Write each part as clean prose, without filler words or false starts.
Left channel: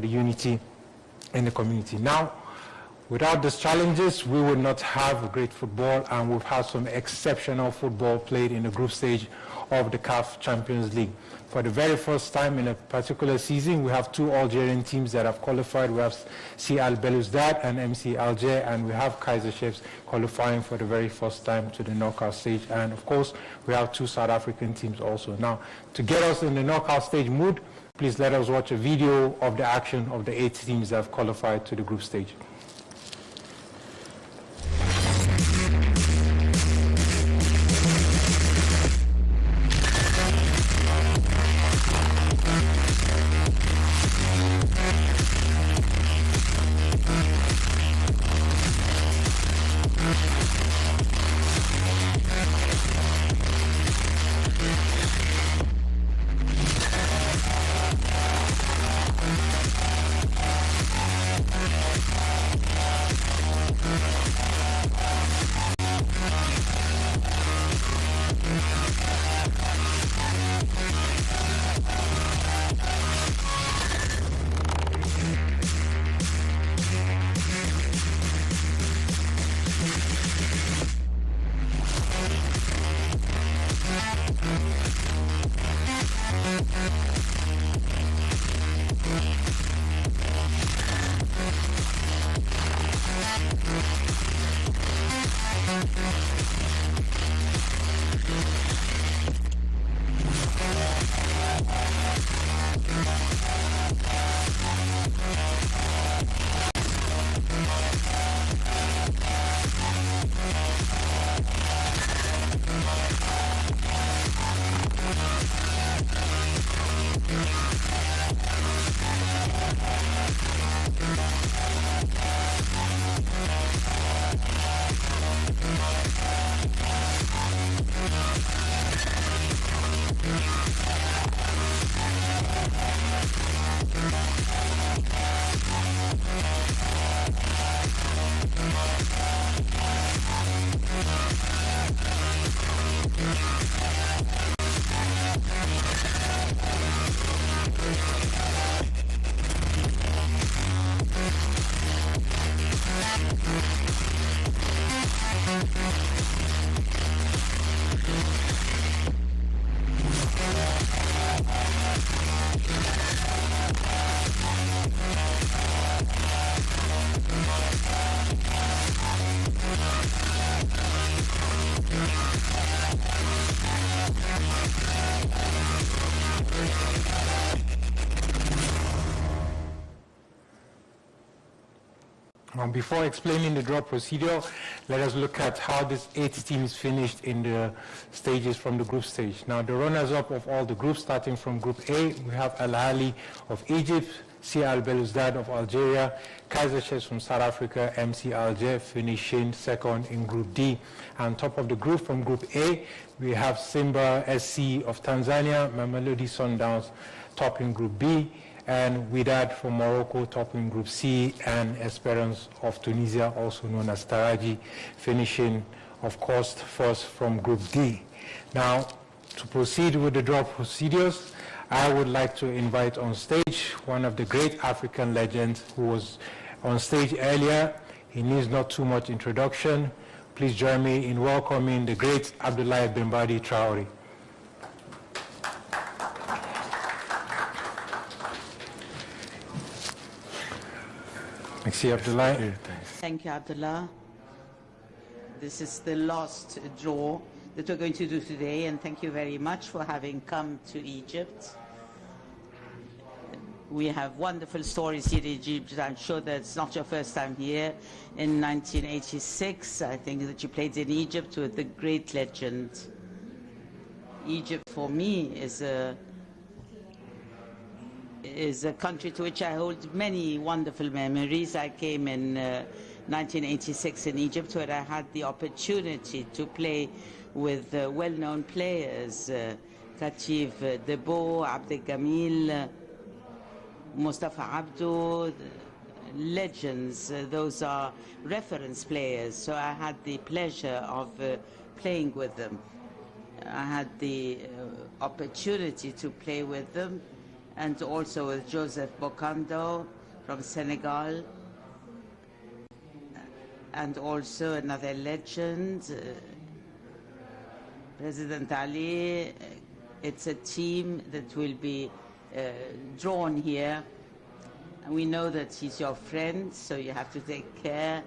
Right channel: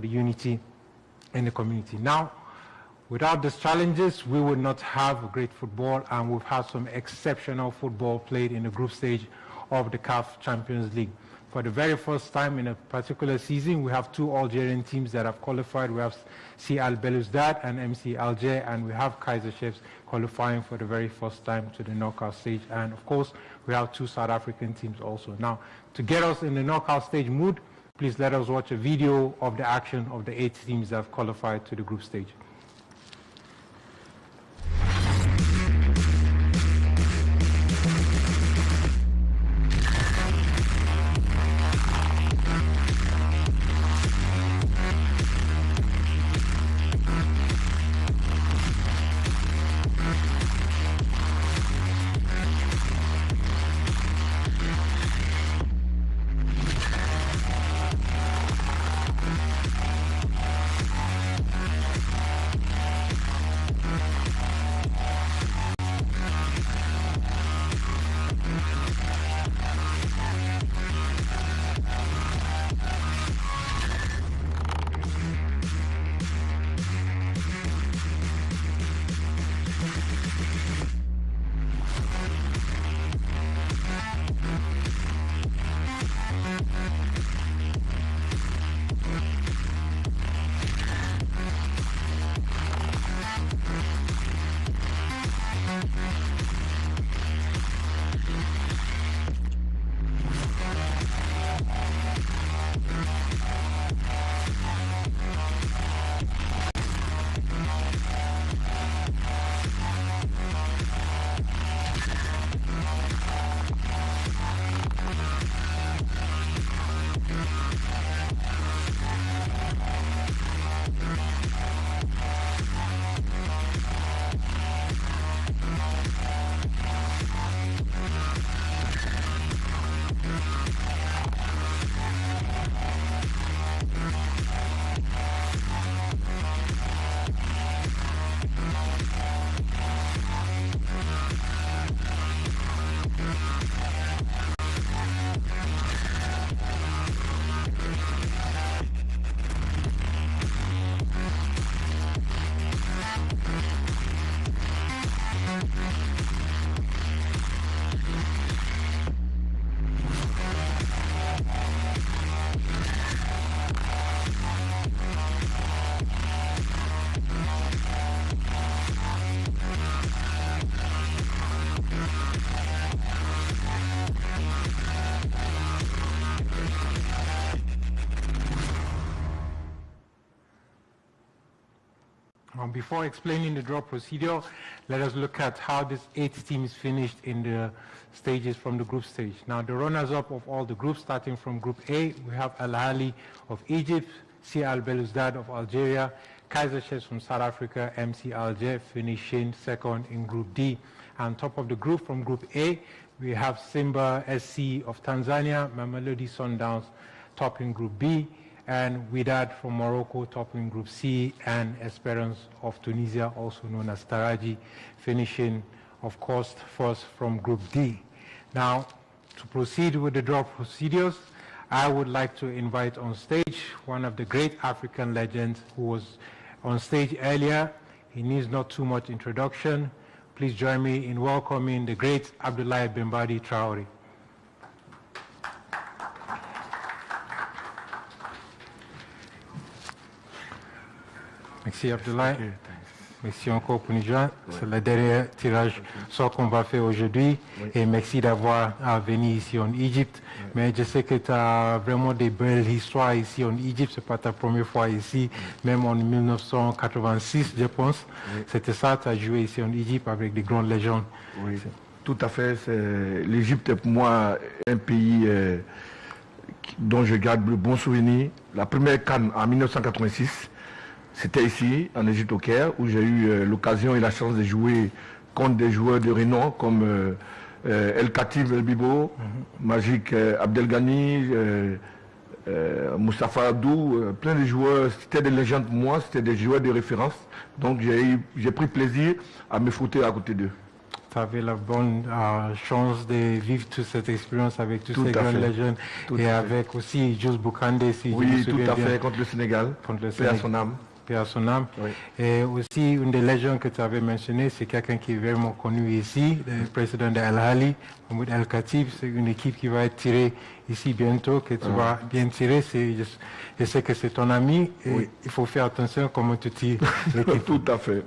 the unity in the community. Now, without these challenges, we would not have great football, and we've had some exceptional football played in the group stage of the CAF Champions League. For the very first time in a particular season, we have two Algerian teams that have qualified. We have CL Belouizdad and MC Alger, and we have Kaizer Chiefs qualifying for the very first time to the knockout stage. And of course, we have two South African teams also. Now, to get us in the knockout stage mood, please let us watch a video of the action of the 8 teams that have qualified to the group stage. Before explaining the draw procedure, let us look at how these 8 teams finished in the stages from the group stage. Now, the runners-up of all the groups, starting from Group A, we have Al Ahly of Egypt, CL Belouizdad of Algeria, Kaizer Chiefs from South Africa, MC Alger finishing second in Group D. On top of the group from Group A, we have Simba SC of Tanzania, Mamelodi Sundowns topping Group B, and Wydad from Morocco topping Group C, and Esperance of Tunisia, also known as Taraji, finishing, of course, first from Group D. Now, to proceed with the draw procedures, I would like to invite on stage one of the great African legends who was on stage earlier. He needs not too much introduction. Please join me in welcoming the great Abdoulaye Bembadi Traoré. Merci Abdoulaye. Merci encore pour nous joindre. C'est le dernier tirage sort qu'on va faire aujourd'hui. Et merci d'avoir venu ici en Égypte. Mais je sais que tu as vraiment des belles histoires ici en Égypte. Ce n'est pas ta première fois ici. Même en 1986, je pense. C'était ça, tu as joué ici en Égypte avec des grandes légendes. Oui, tout à fait. L'Égypte est pour moi un pays dont je garde le bon souvenir. La première CAN en 1986, c'était ici, en Égypte au Caire, où j'ai eu l'occasion et la chance de jouer contre des joueurs de renom comme El Khatib Bibo, Magic Abdelghani, Moustapha Abdou, plein de joueurs. C'était des légendes pour moi, c'était des joueurs de référence. Donc j'ai pris plaisir à me foutre à côté d'eux. Tu avais la bonne chance de vivre toute cette expérience avec tous ces grandes légendes et avec aussi Jules Boukandé, si oui, tout à fait, contre le Sénégal, contre le paix à son âme. Paix à son âme. Oui. Et aussi, une des légendes que tu avais mentionné, c'est quelqu'un qui est vraiment connu ici, le président de Al-Hali, Mahmoud Al-Khatib. C'est une équipe qui va être tirée ici bientôt, que tu vas bien tirer. Je sais que c'est ton ami et il faut faire attention comment tu tires l'équipe. Tout à fait.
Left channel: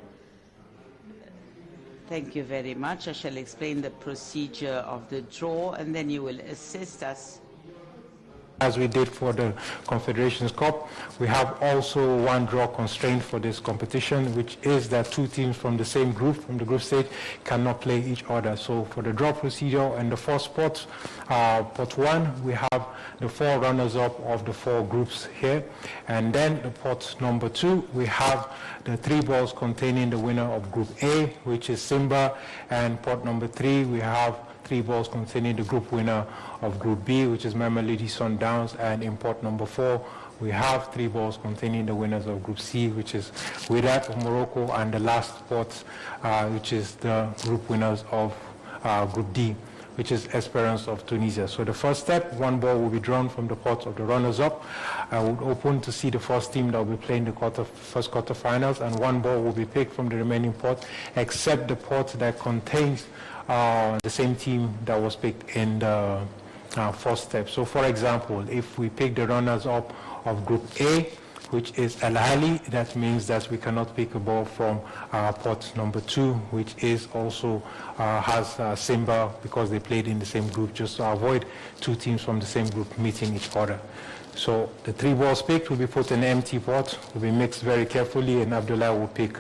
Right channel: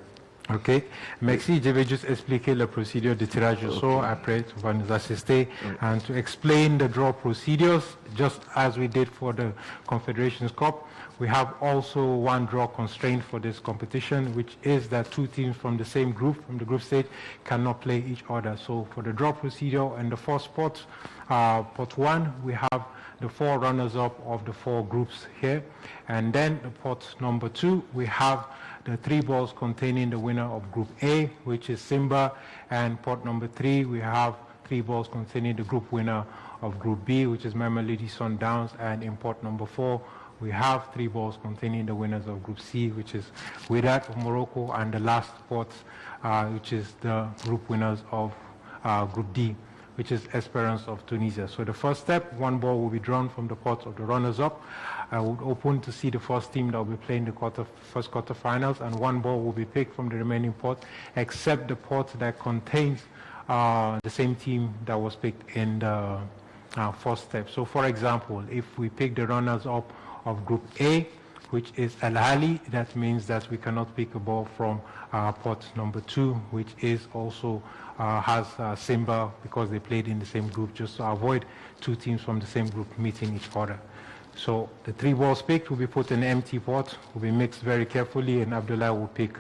Ok, merci. Je vais juste expliquer la procédure de tirage au sort. Après, tu vas nous assister and to explain the draw procedures, just as we did for the Confederations Cup. We have also one draw constraint for this competition, which is that two teams from the same group, from the group stage, cannot play each other. So for the draw procedure and the first pot, pot one, we have the four runners-up of the four groups here. And then the pot number two, we have the three balls containing the winner of Group A, which is Simba, and pot number three, we have three balls containing the group winner of Group B, which is Mamelodi Sundowns, and in pot number four, we have three balls containing the winners of Group C, which is Wydad of Morocco, and the last pot, which is the group winners of Group D, which is Esperance of Tunisia. So the first step, one ball will be drawn from the pot of the runners-up. I would open to see the first team that will be playing the first quarterfinals, and one ball will be picked from the remaining pot, except the pot that contains the same team that was picked in the first step. So for example, if we pick the runners-up of Group A, which is Al-Ahly, that means that we cannot pick a ball from pot number two, which is also has Simba, because they played in the same group, just to avoid two teams from the same group meeting each other. So the three balls picked will be put in an empty pot, will be mixed very carefully, and Abdullah will pick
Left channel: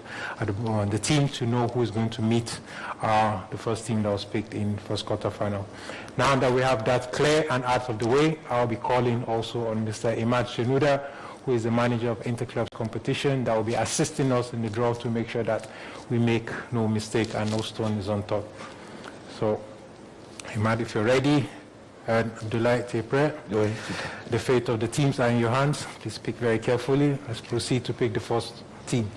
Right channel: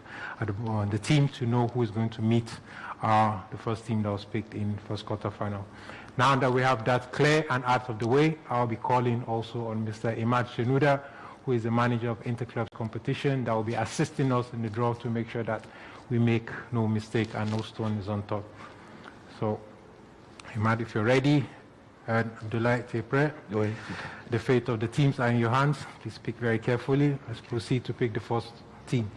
the team to know who is going to meet the first team that was picked in first quarterfinal. Now that we have that clear and out of the way, I'll be calling also on Mr. Imad Shenuda, who is the manager of Interclubs competition, that will be assisting us in the draw to make sure that we make no mistake and no stone is on top. So, Imad, if you're ready, and Abdullah, Tepre, the fate of the teams are in your hands. Please pick very carefully. Let's proceed to pick the first team.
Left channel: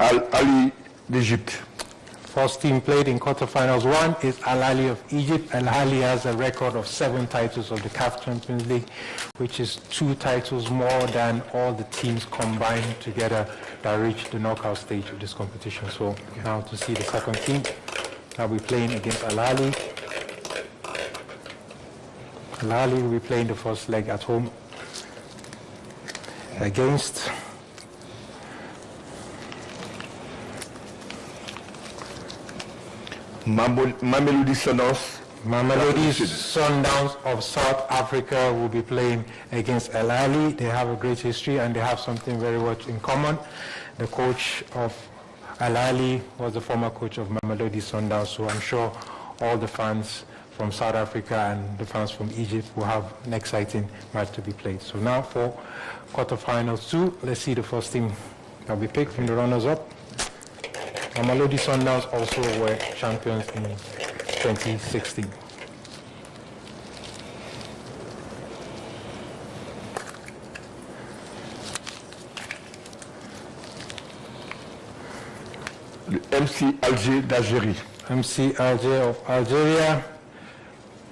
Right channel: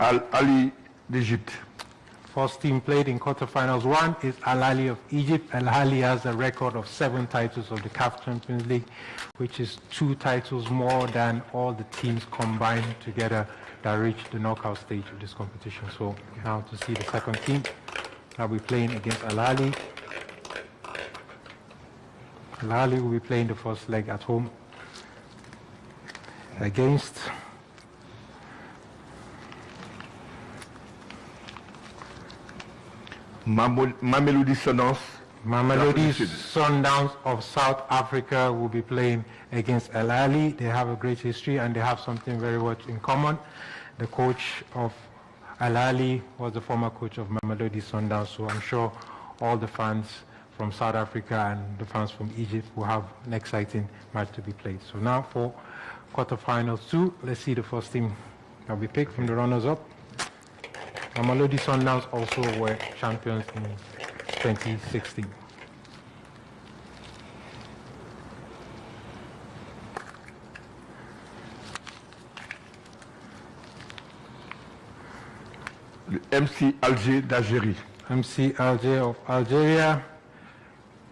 Al-Ali d'Égypte. First team played in quarterfinals. One is Al-Ahly of Egypt. Al-Ahly has a record of 7 titles of the CAF Champions League, which is 2 titles more than all the teams combined together that reached the knockout stage of this competition. So now to see the second team that will be playing against Al-Ahly. Al-Ahly will be playing the first leg at home against Mamelodi Sundowns. Mamelodi Sundowns of South Africa will be playing against Al-Ahly. They have a great history and they have something very much in common. The coach of Al-Ahly was the former coach of Mamelodi Sundowns, so I'm sure all the fans from South Africa and the fans from Egypt will have an exciting match to be played. So now for quarterfinals 2, let's see the first team that will be picked from the runners-up. Mamelodi Sundowns also were champions in 2016. Le MC Alger d'Algérie. MC Alger of Algeria,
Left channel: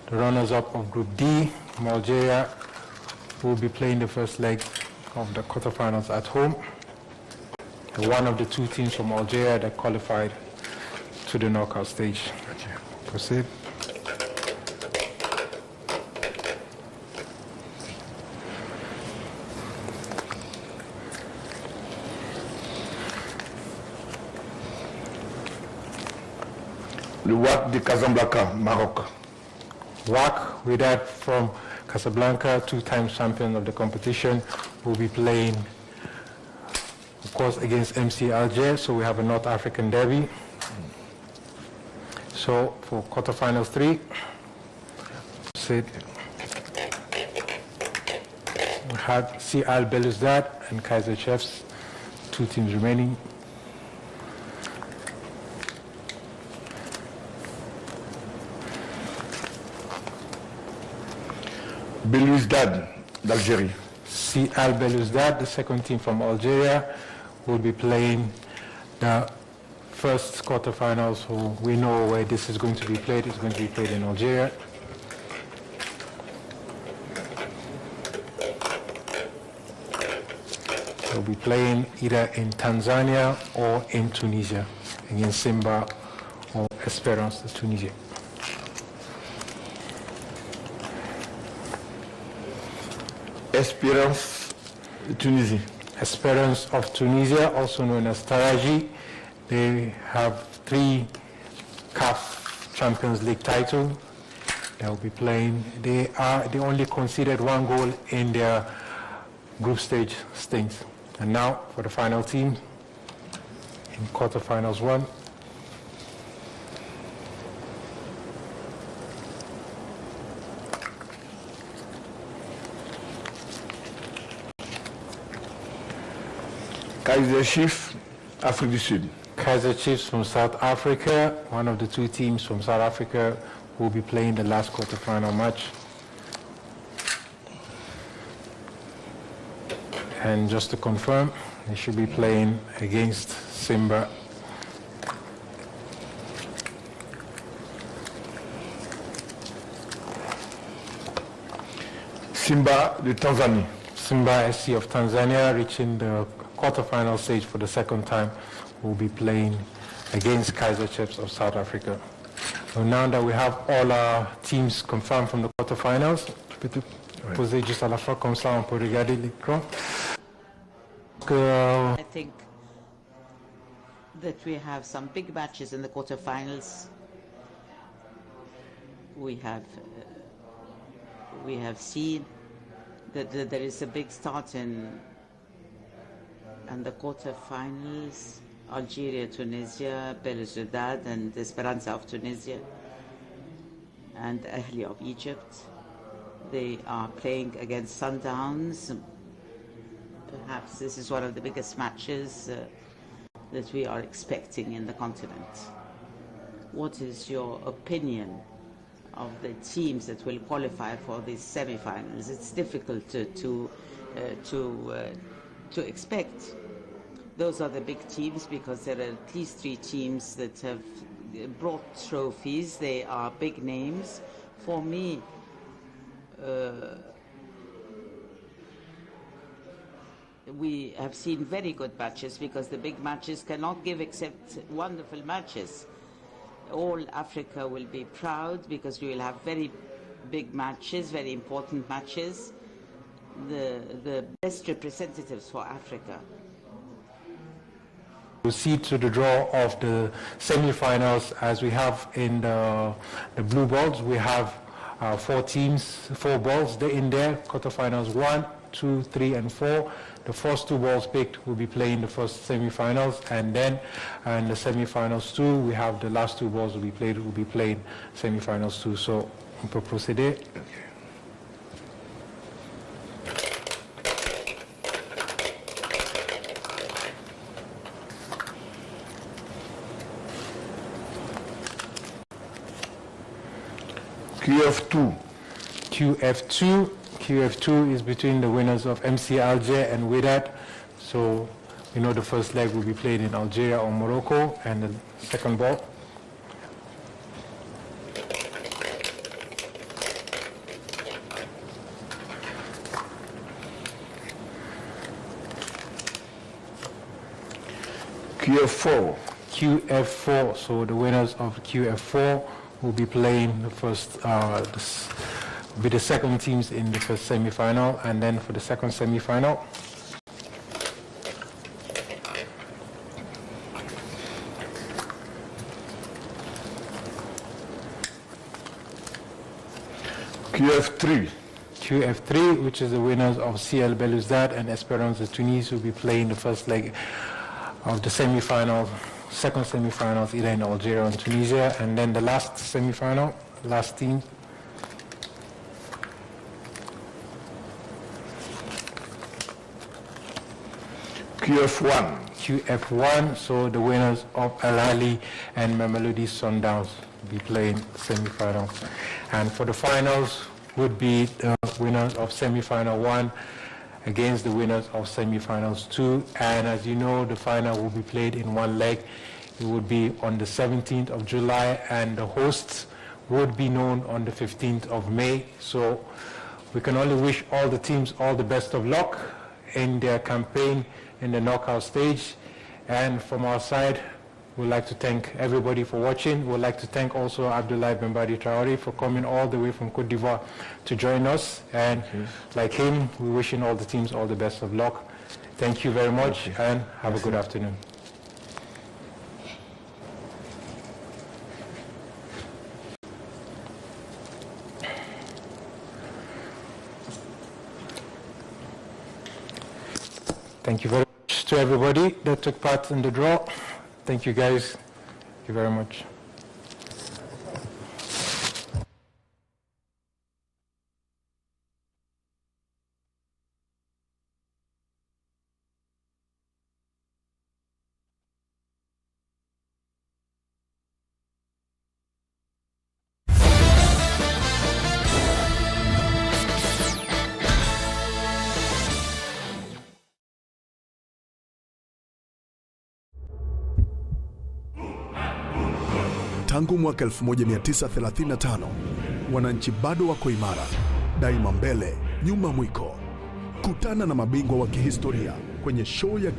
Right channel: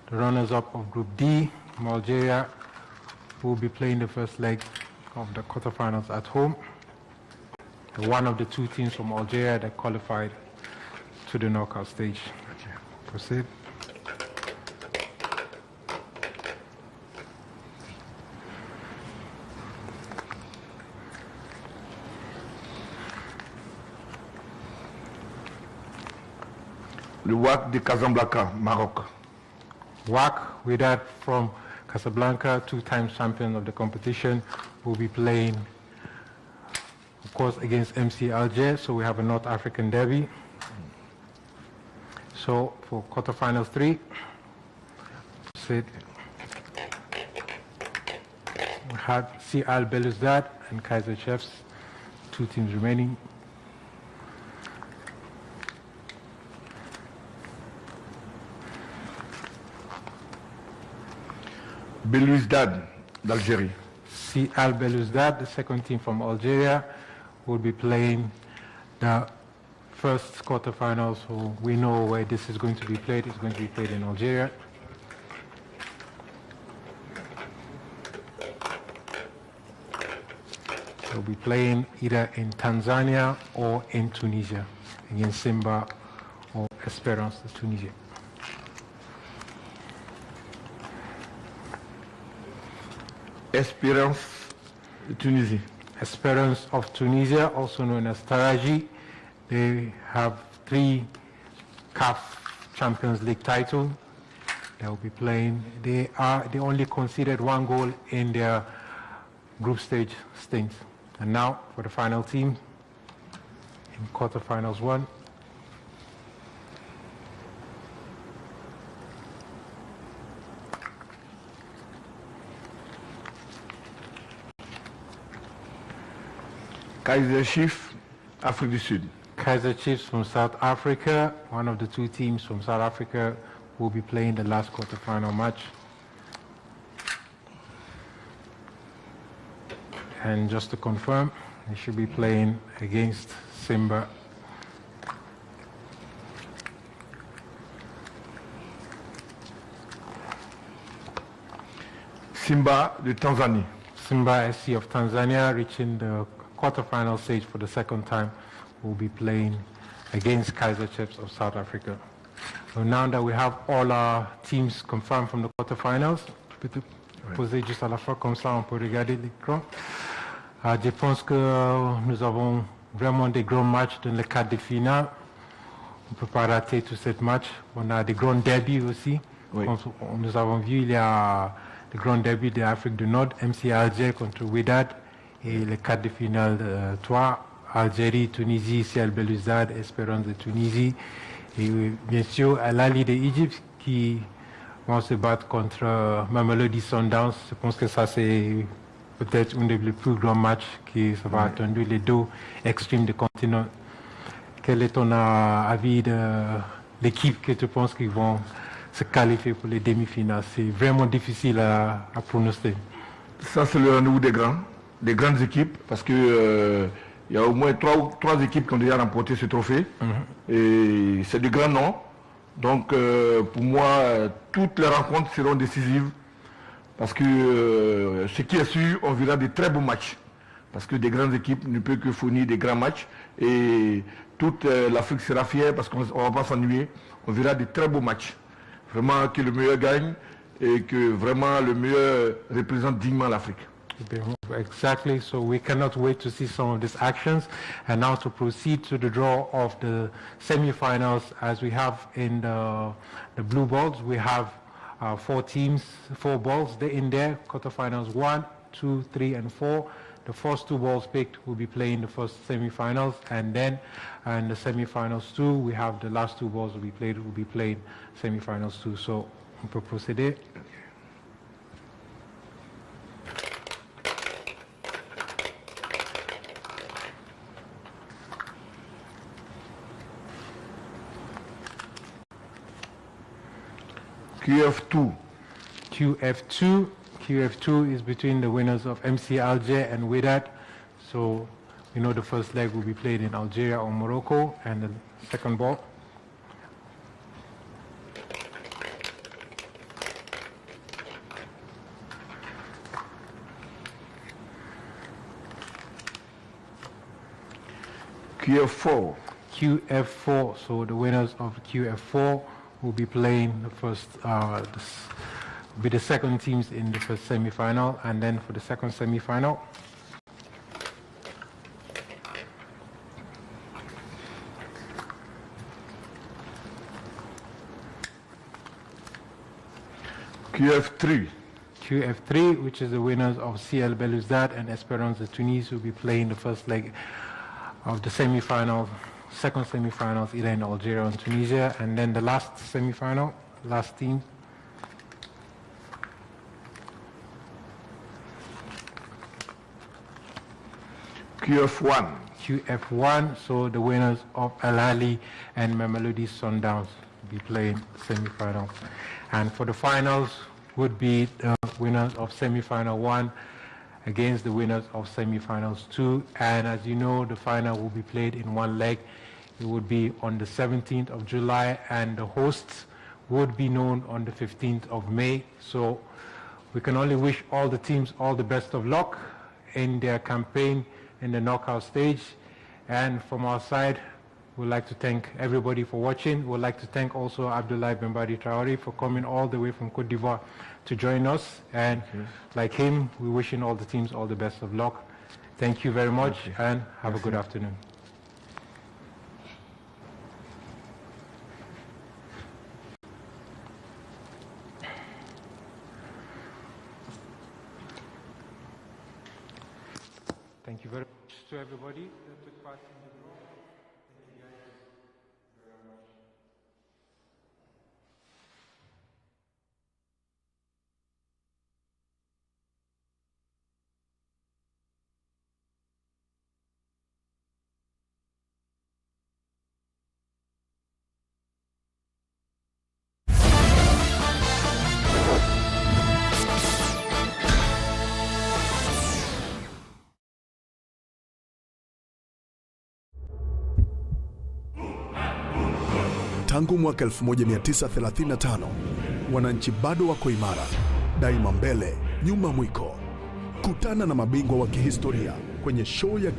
the runners-up of Group D from Algeria, will be playing the first leg of the quarterfinals at home. One of the 2 teams from Algeria that qualified to the knockout stage. Proceed. Le WAC de Casablanca, Maroc. WAC, with that from Casablanca, 2-time champion of the competition, will be playing, of course, against MC Alger, so we have a North African derby. So for quarterfinals 3, we had CL Belouizdad and Kaiser Chiefs, 2 teams remaining. Belouizdad, d'Algérie. CL Belouizdad, the second team from Algeria, will be playing the first quarterfinals. So we know where this is going to be played. It's going to be played in Algeria. They'll be playing either in Tanzania or in Tunisia against Simba or Esperance de Tunisia. Espérance de Tunisie. Esperance of Tunisia, also known as Taraji. They have 3 CAF Champions League titles. They'll be playing. They only conceded 1 goal in their group stage stints. And now for the final team in quarterfinals 1. Kaiser Chiefs, Afrique du Sud. Kaiser Chiefs from South Africa, one of the 2 teams from South Africa, will be playing the last quarterfinal match. And just to confirm, they should be playing against Simba. Simba de Tanzanie. Simba SC of Tanzania, reaching the quarterfinal stage for the 2nd time, will be playing against Kaiser Chiefs of South Africa. So now that we have all our teams confirmed from the quarterfinals, je peux te poser juste à la fois, comme ça on peut regarder l'écran. Je pense que nous avons vraiment des grands matchs dans le cadre de finale. On ne peut pas rater tous ces matchs. On a des grands derbys aussi. Nous avons vu, il y a des grands derbys de l'Afrique du Nord, MC Alger contre Wydad. Et le quart de finale 3, Algérie, Tunisie, CL Belouizdad, Espérance de Tunisie. Et bien sûr, Al-Ahly d'Égypte qui vont se battre contre Mamelodi Sundowns. Je pense que ça c'est peut-être un des plus grands matchs qui sera attendu, les 2 extrêmes du continent. Quel est ton avis de l'équipe que tu penses qu'ils vont se qualifier pour les demi-finales? C'est vraiment difficile à pronostiquer. Ça c'est le rendez-vous des grandes équipes, parce que il y a au moins 3 équipes qui ont déjà remporté ce trophée. Et c'est des grands noms. Donc pour moi, toutes les rencontres seront décisives. Parce que ce qui est sûr, on verra des très beaux matchs. Parce que des grandes équipes ne peuvent que fournir des grands matchs. Et toute l'Afrique sera fière parce qu'on ne va pas s'ennuyer. On verra des très beaux matchs. Vraiment que le meilleur gagne et que vraiment le meilleur représente dignement l'Afrique. Exactly, so we cannot wait to see some of these actions. And now to proceed to the draw of the semi-finals, as we have in the blue balls, we have 4 teams, 4 balls in there, quarterfinals 1, 2, 3, and 4. The first 2 balls picked will be playing the first semi-finals, and then in the semi-finals 2, we have the last 2 balls will be playing semi-finals 2. So on peut procéder. QF2 is between the winners of MC Alger and Wydad. So you know the first leg will be played in Algeria or Morocco, and the second ball. QF4, so the winners of QF4 will be playing the first, be the second teams in the first semi-final, and then for the second semi-final, QF3, which is the winners of CL Belouizdad and Espérance de Tunis, will be playing the first leg of the semi-final, second semi-finals, either in Algeria and Tunisia, and then the last semi-final, last team. QF1, so the winners of Al-Ahly and Mamelodi Sundowns will be playing semi-finals. And for the finals, would be the winners of semi-final 1 against the winners of semi-finals 2. And as you know, the final will be played in one leg. It would be on the 17th of July, and the hosts would be known on the 15th of May. So we can only wish all the teams all the best of luck in their campaign in the knockout stage. And from our side, we'd like to thank everybody for watching. We'd like to thank also Abdoulaye Bembadi Traoré for coming all the way from Côte d'Ivoire to join us. And like him, we're wishing all the teams all the best of luck. Thank you very much, and have a good afternoon. Thank you very much to everybody that took part in the draw. Thank you, guys. Thank you very much. Tangu mwaka 1935, wananchi bado wako imara, daima mbele, nyuma mwiko. Kutana na mabingwa wa kihistoria kwenye show ya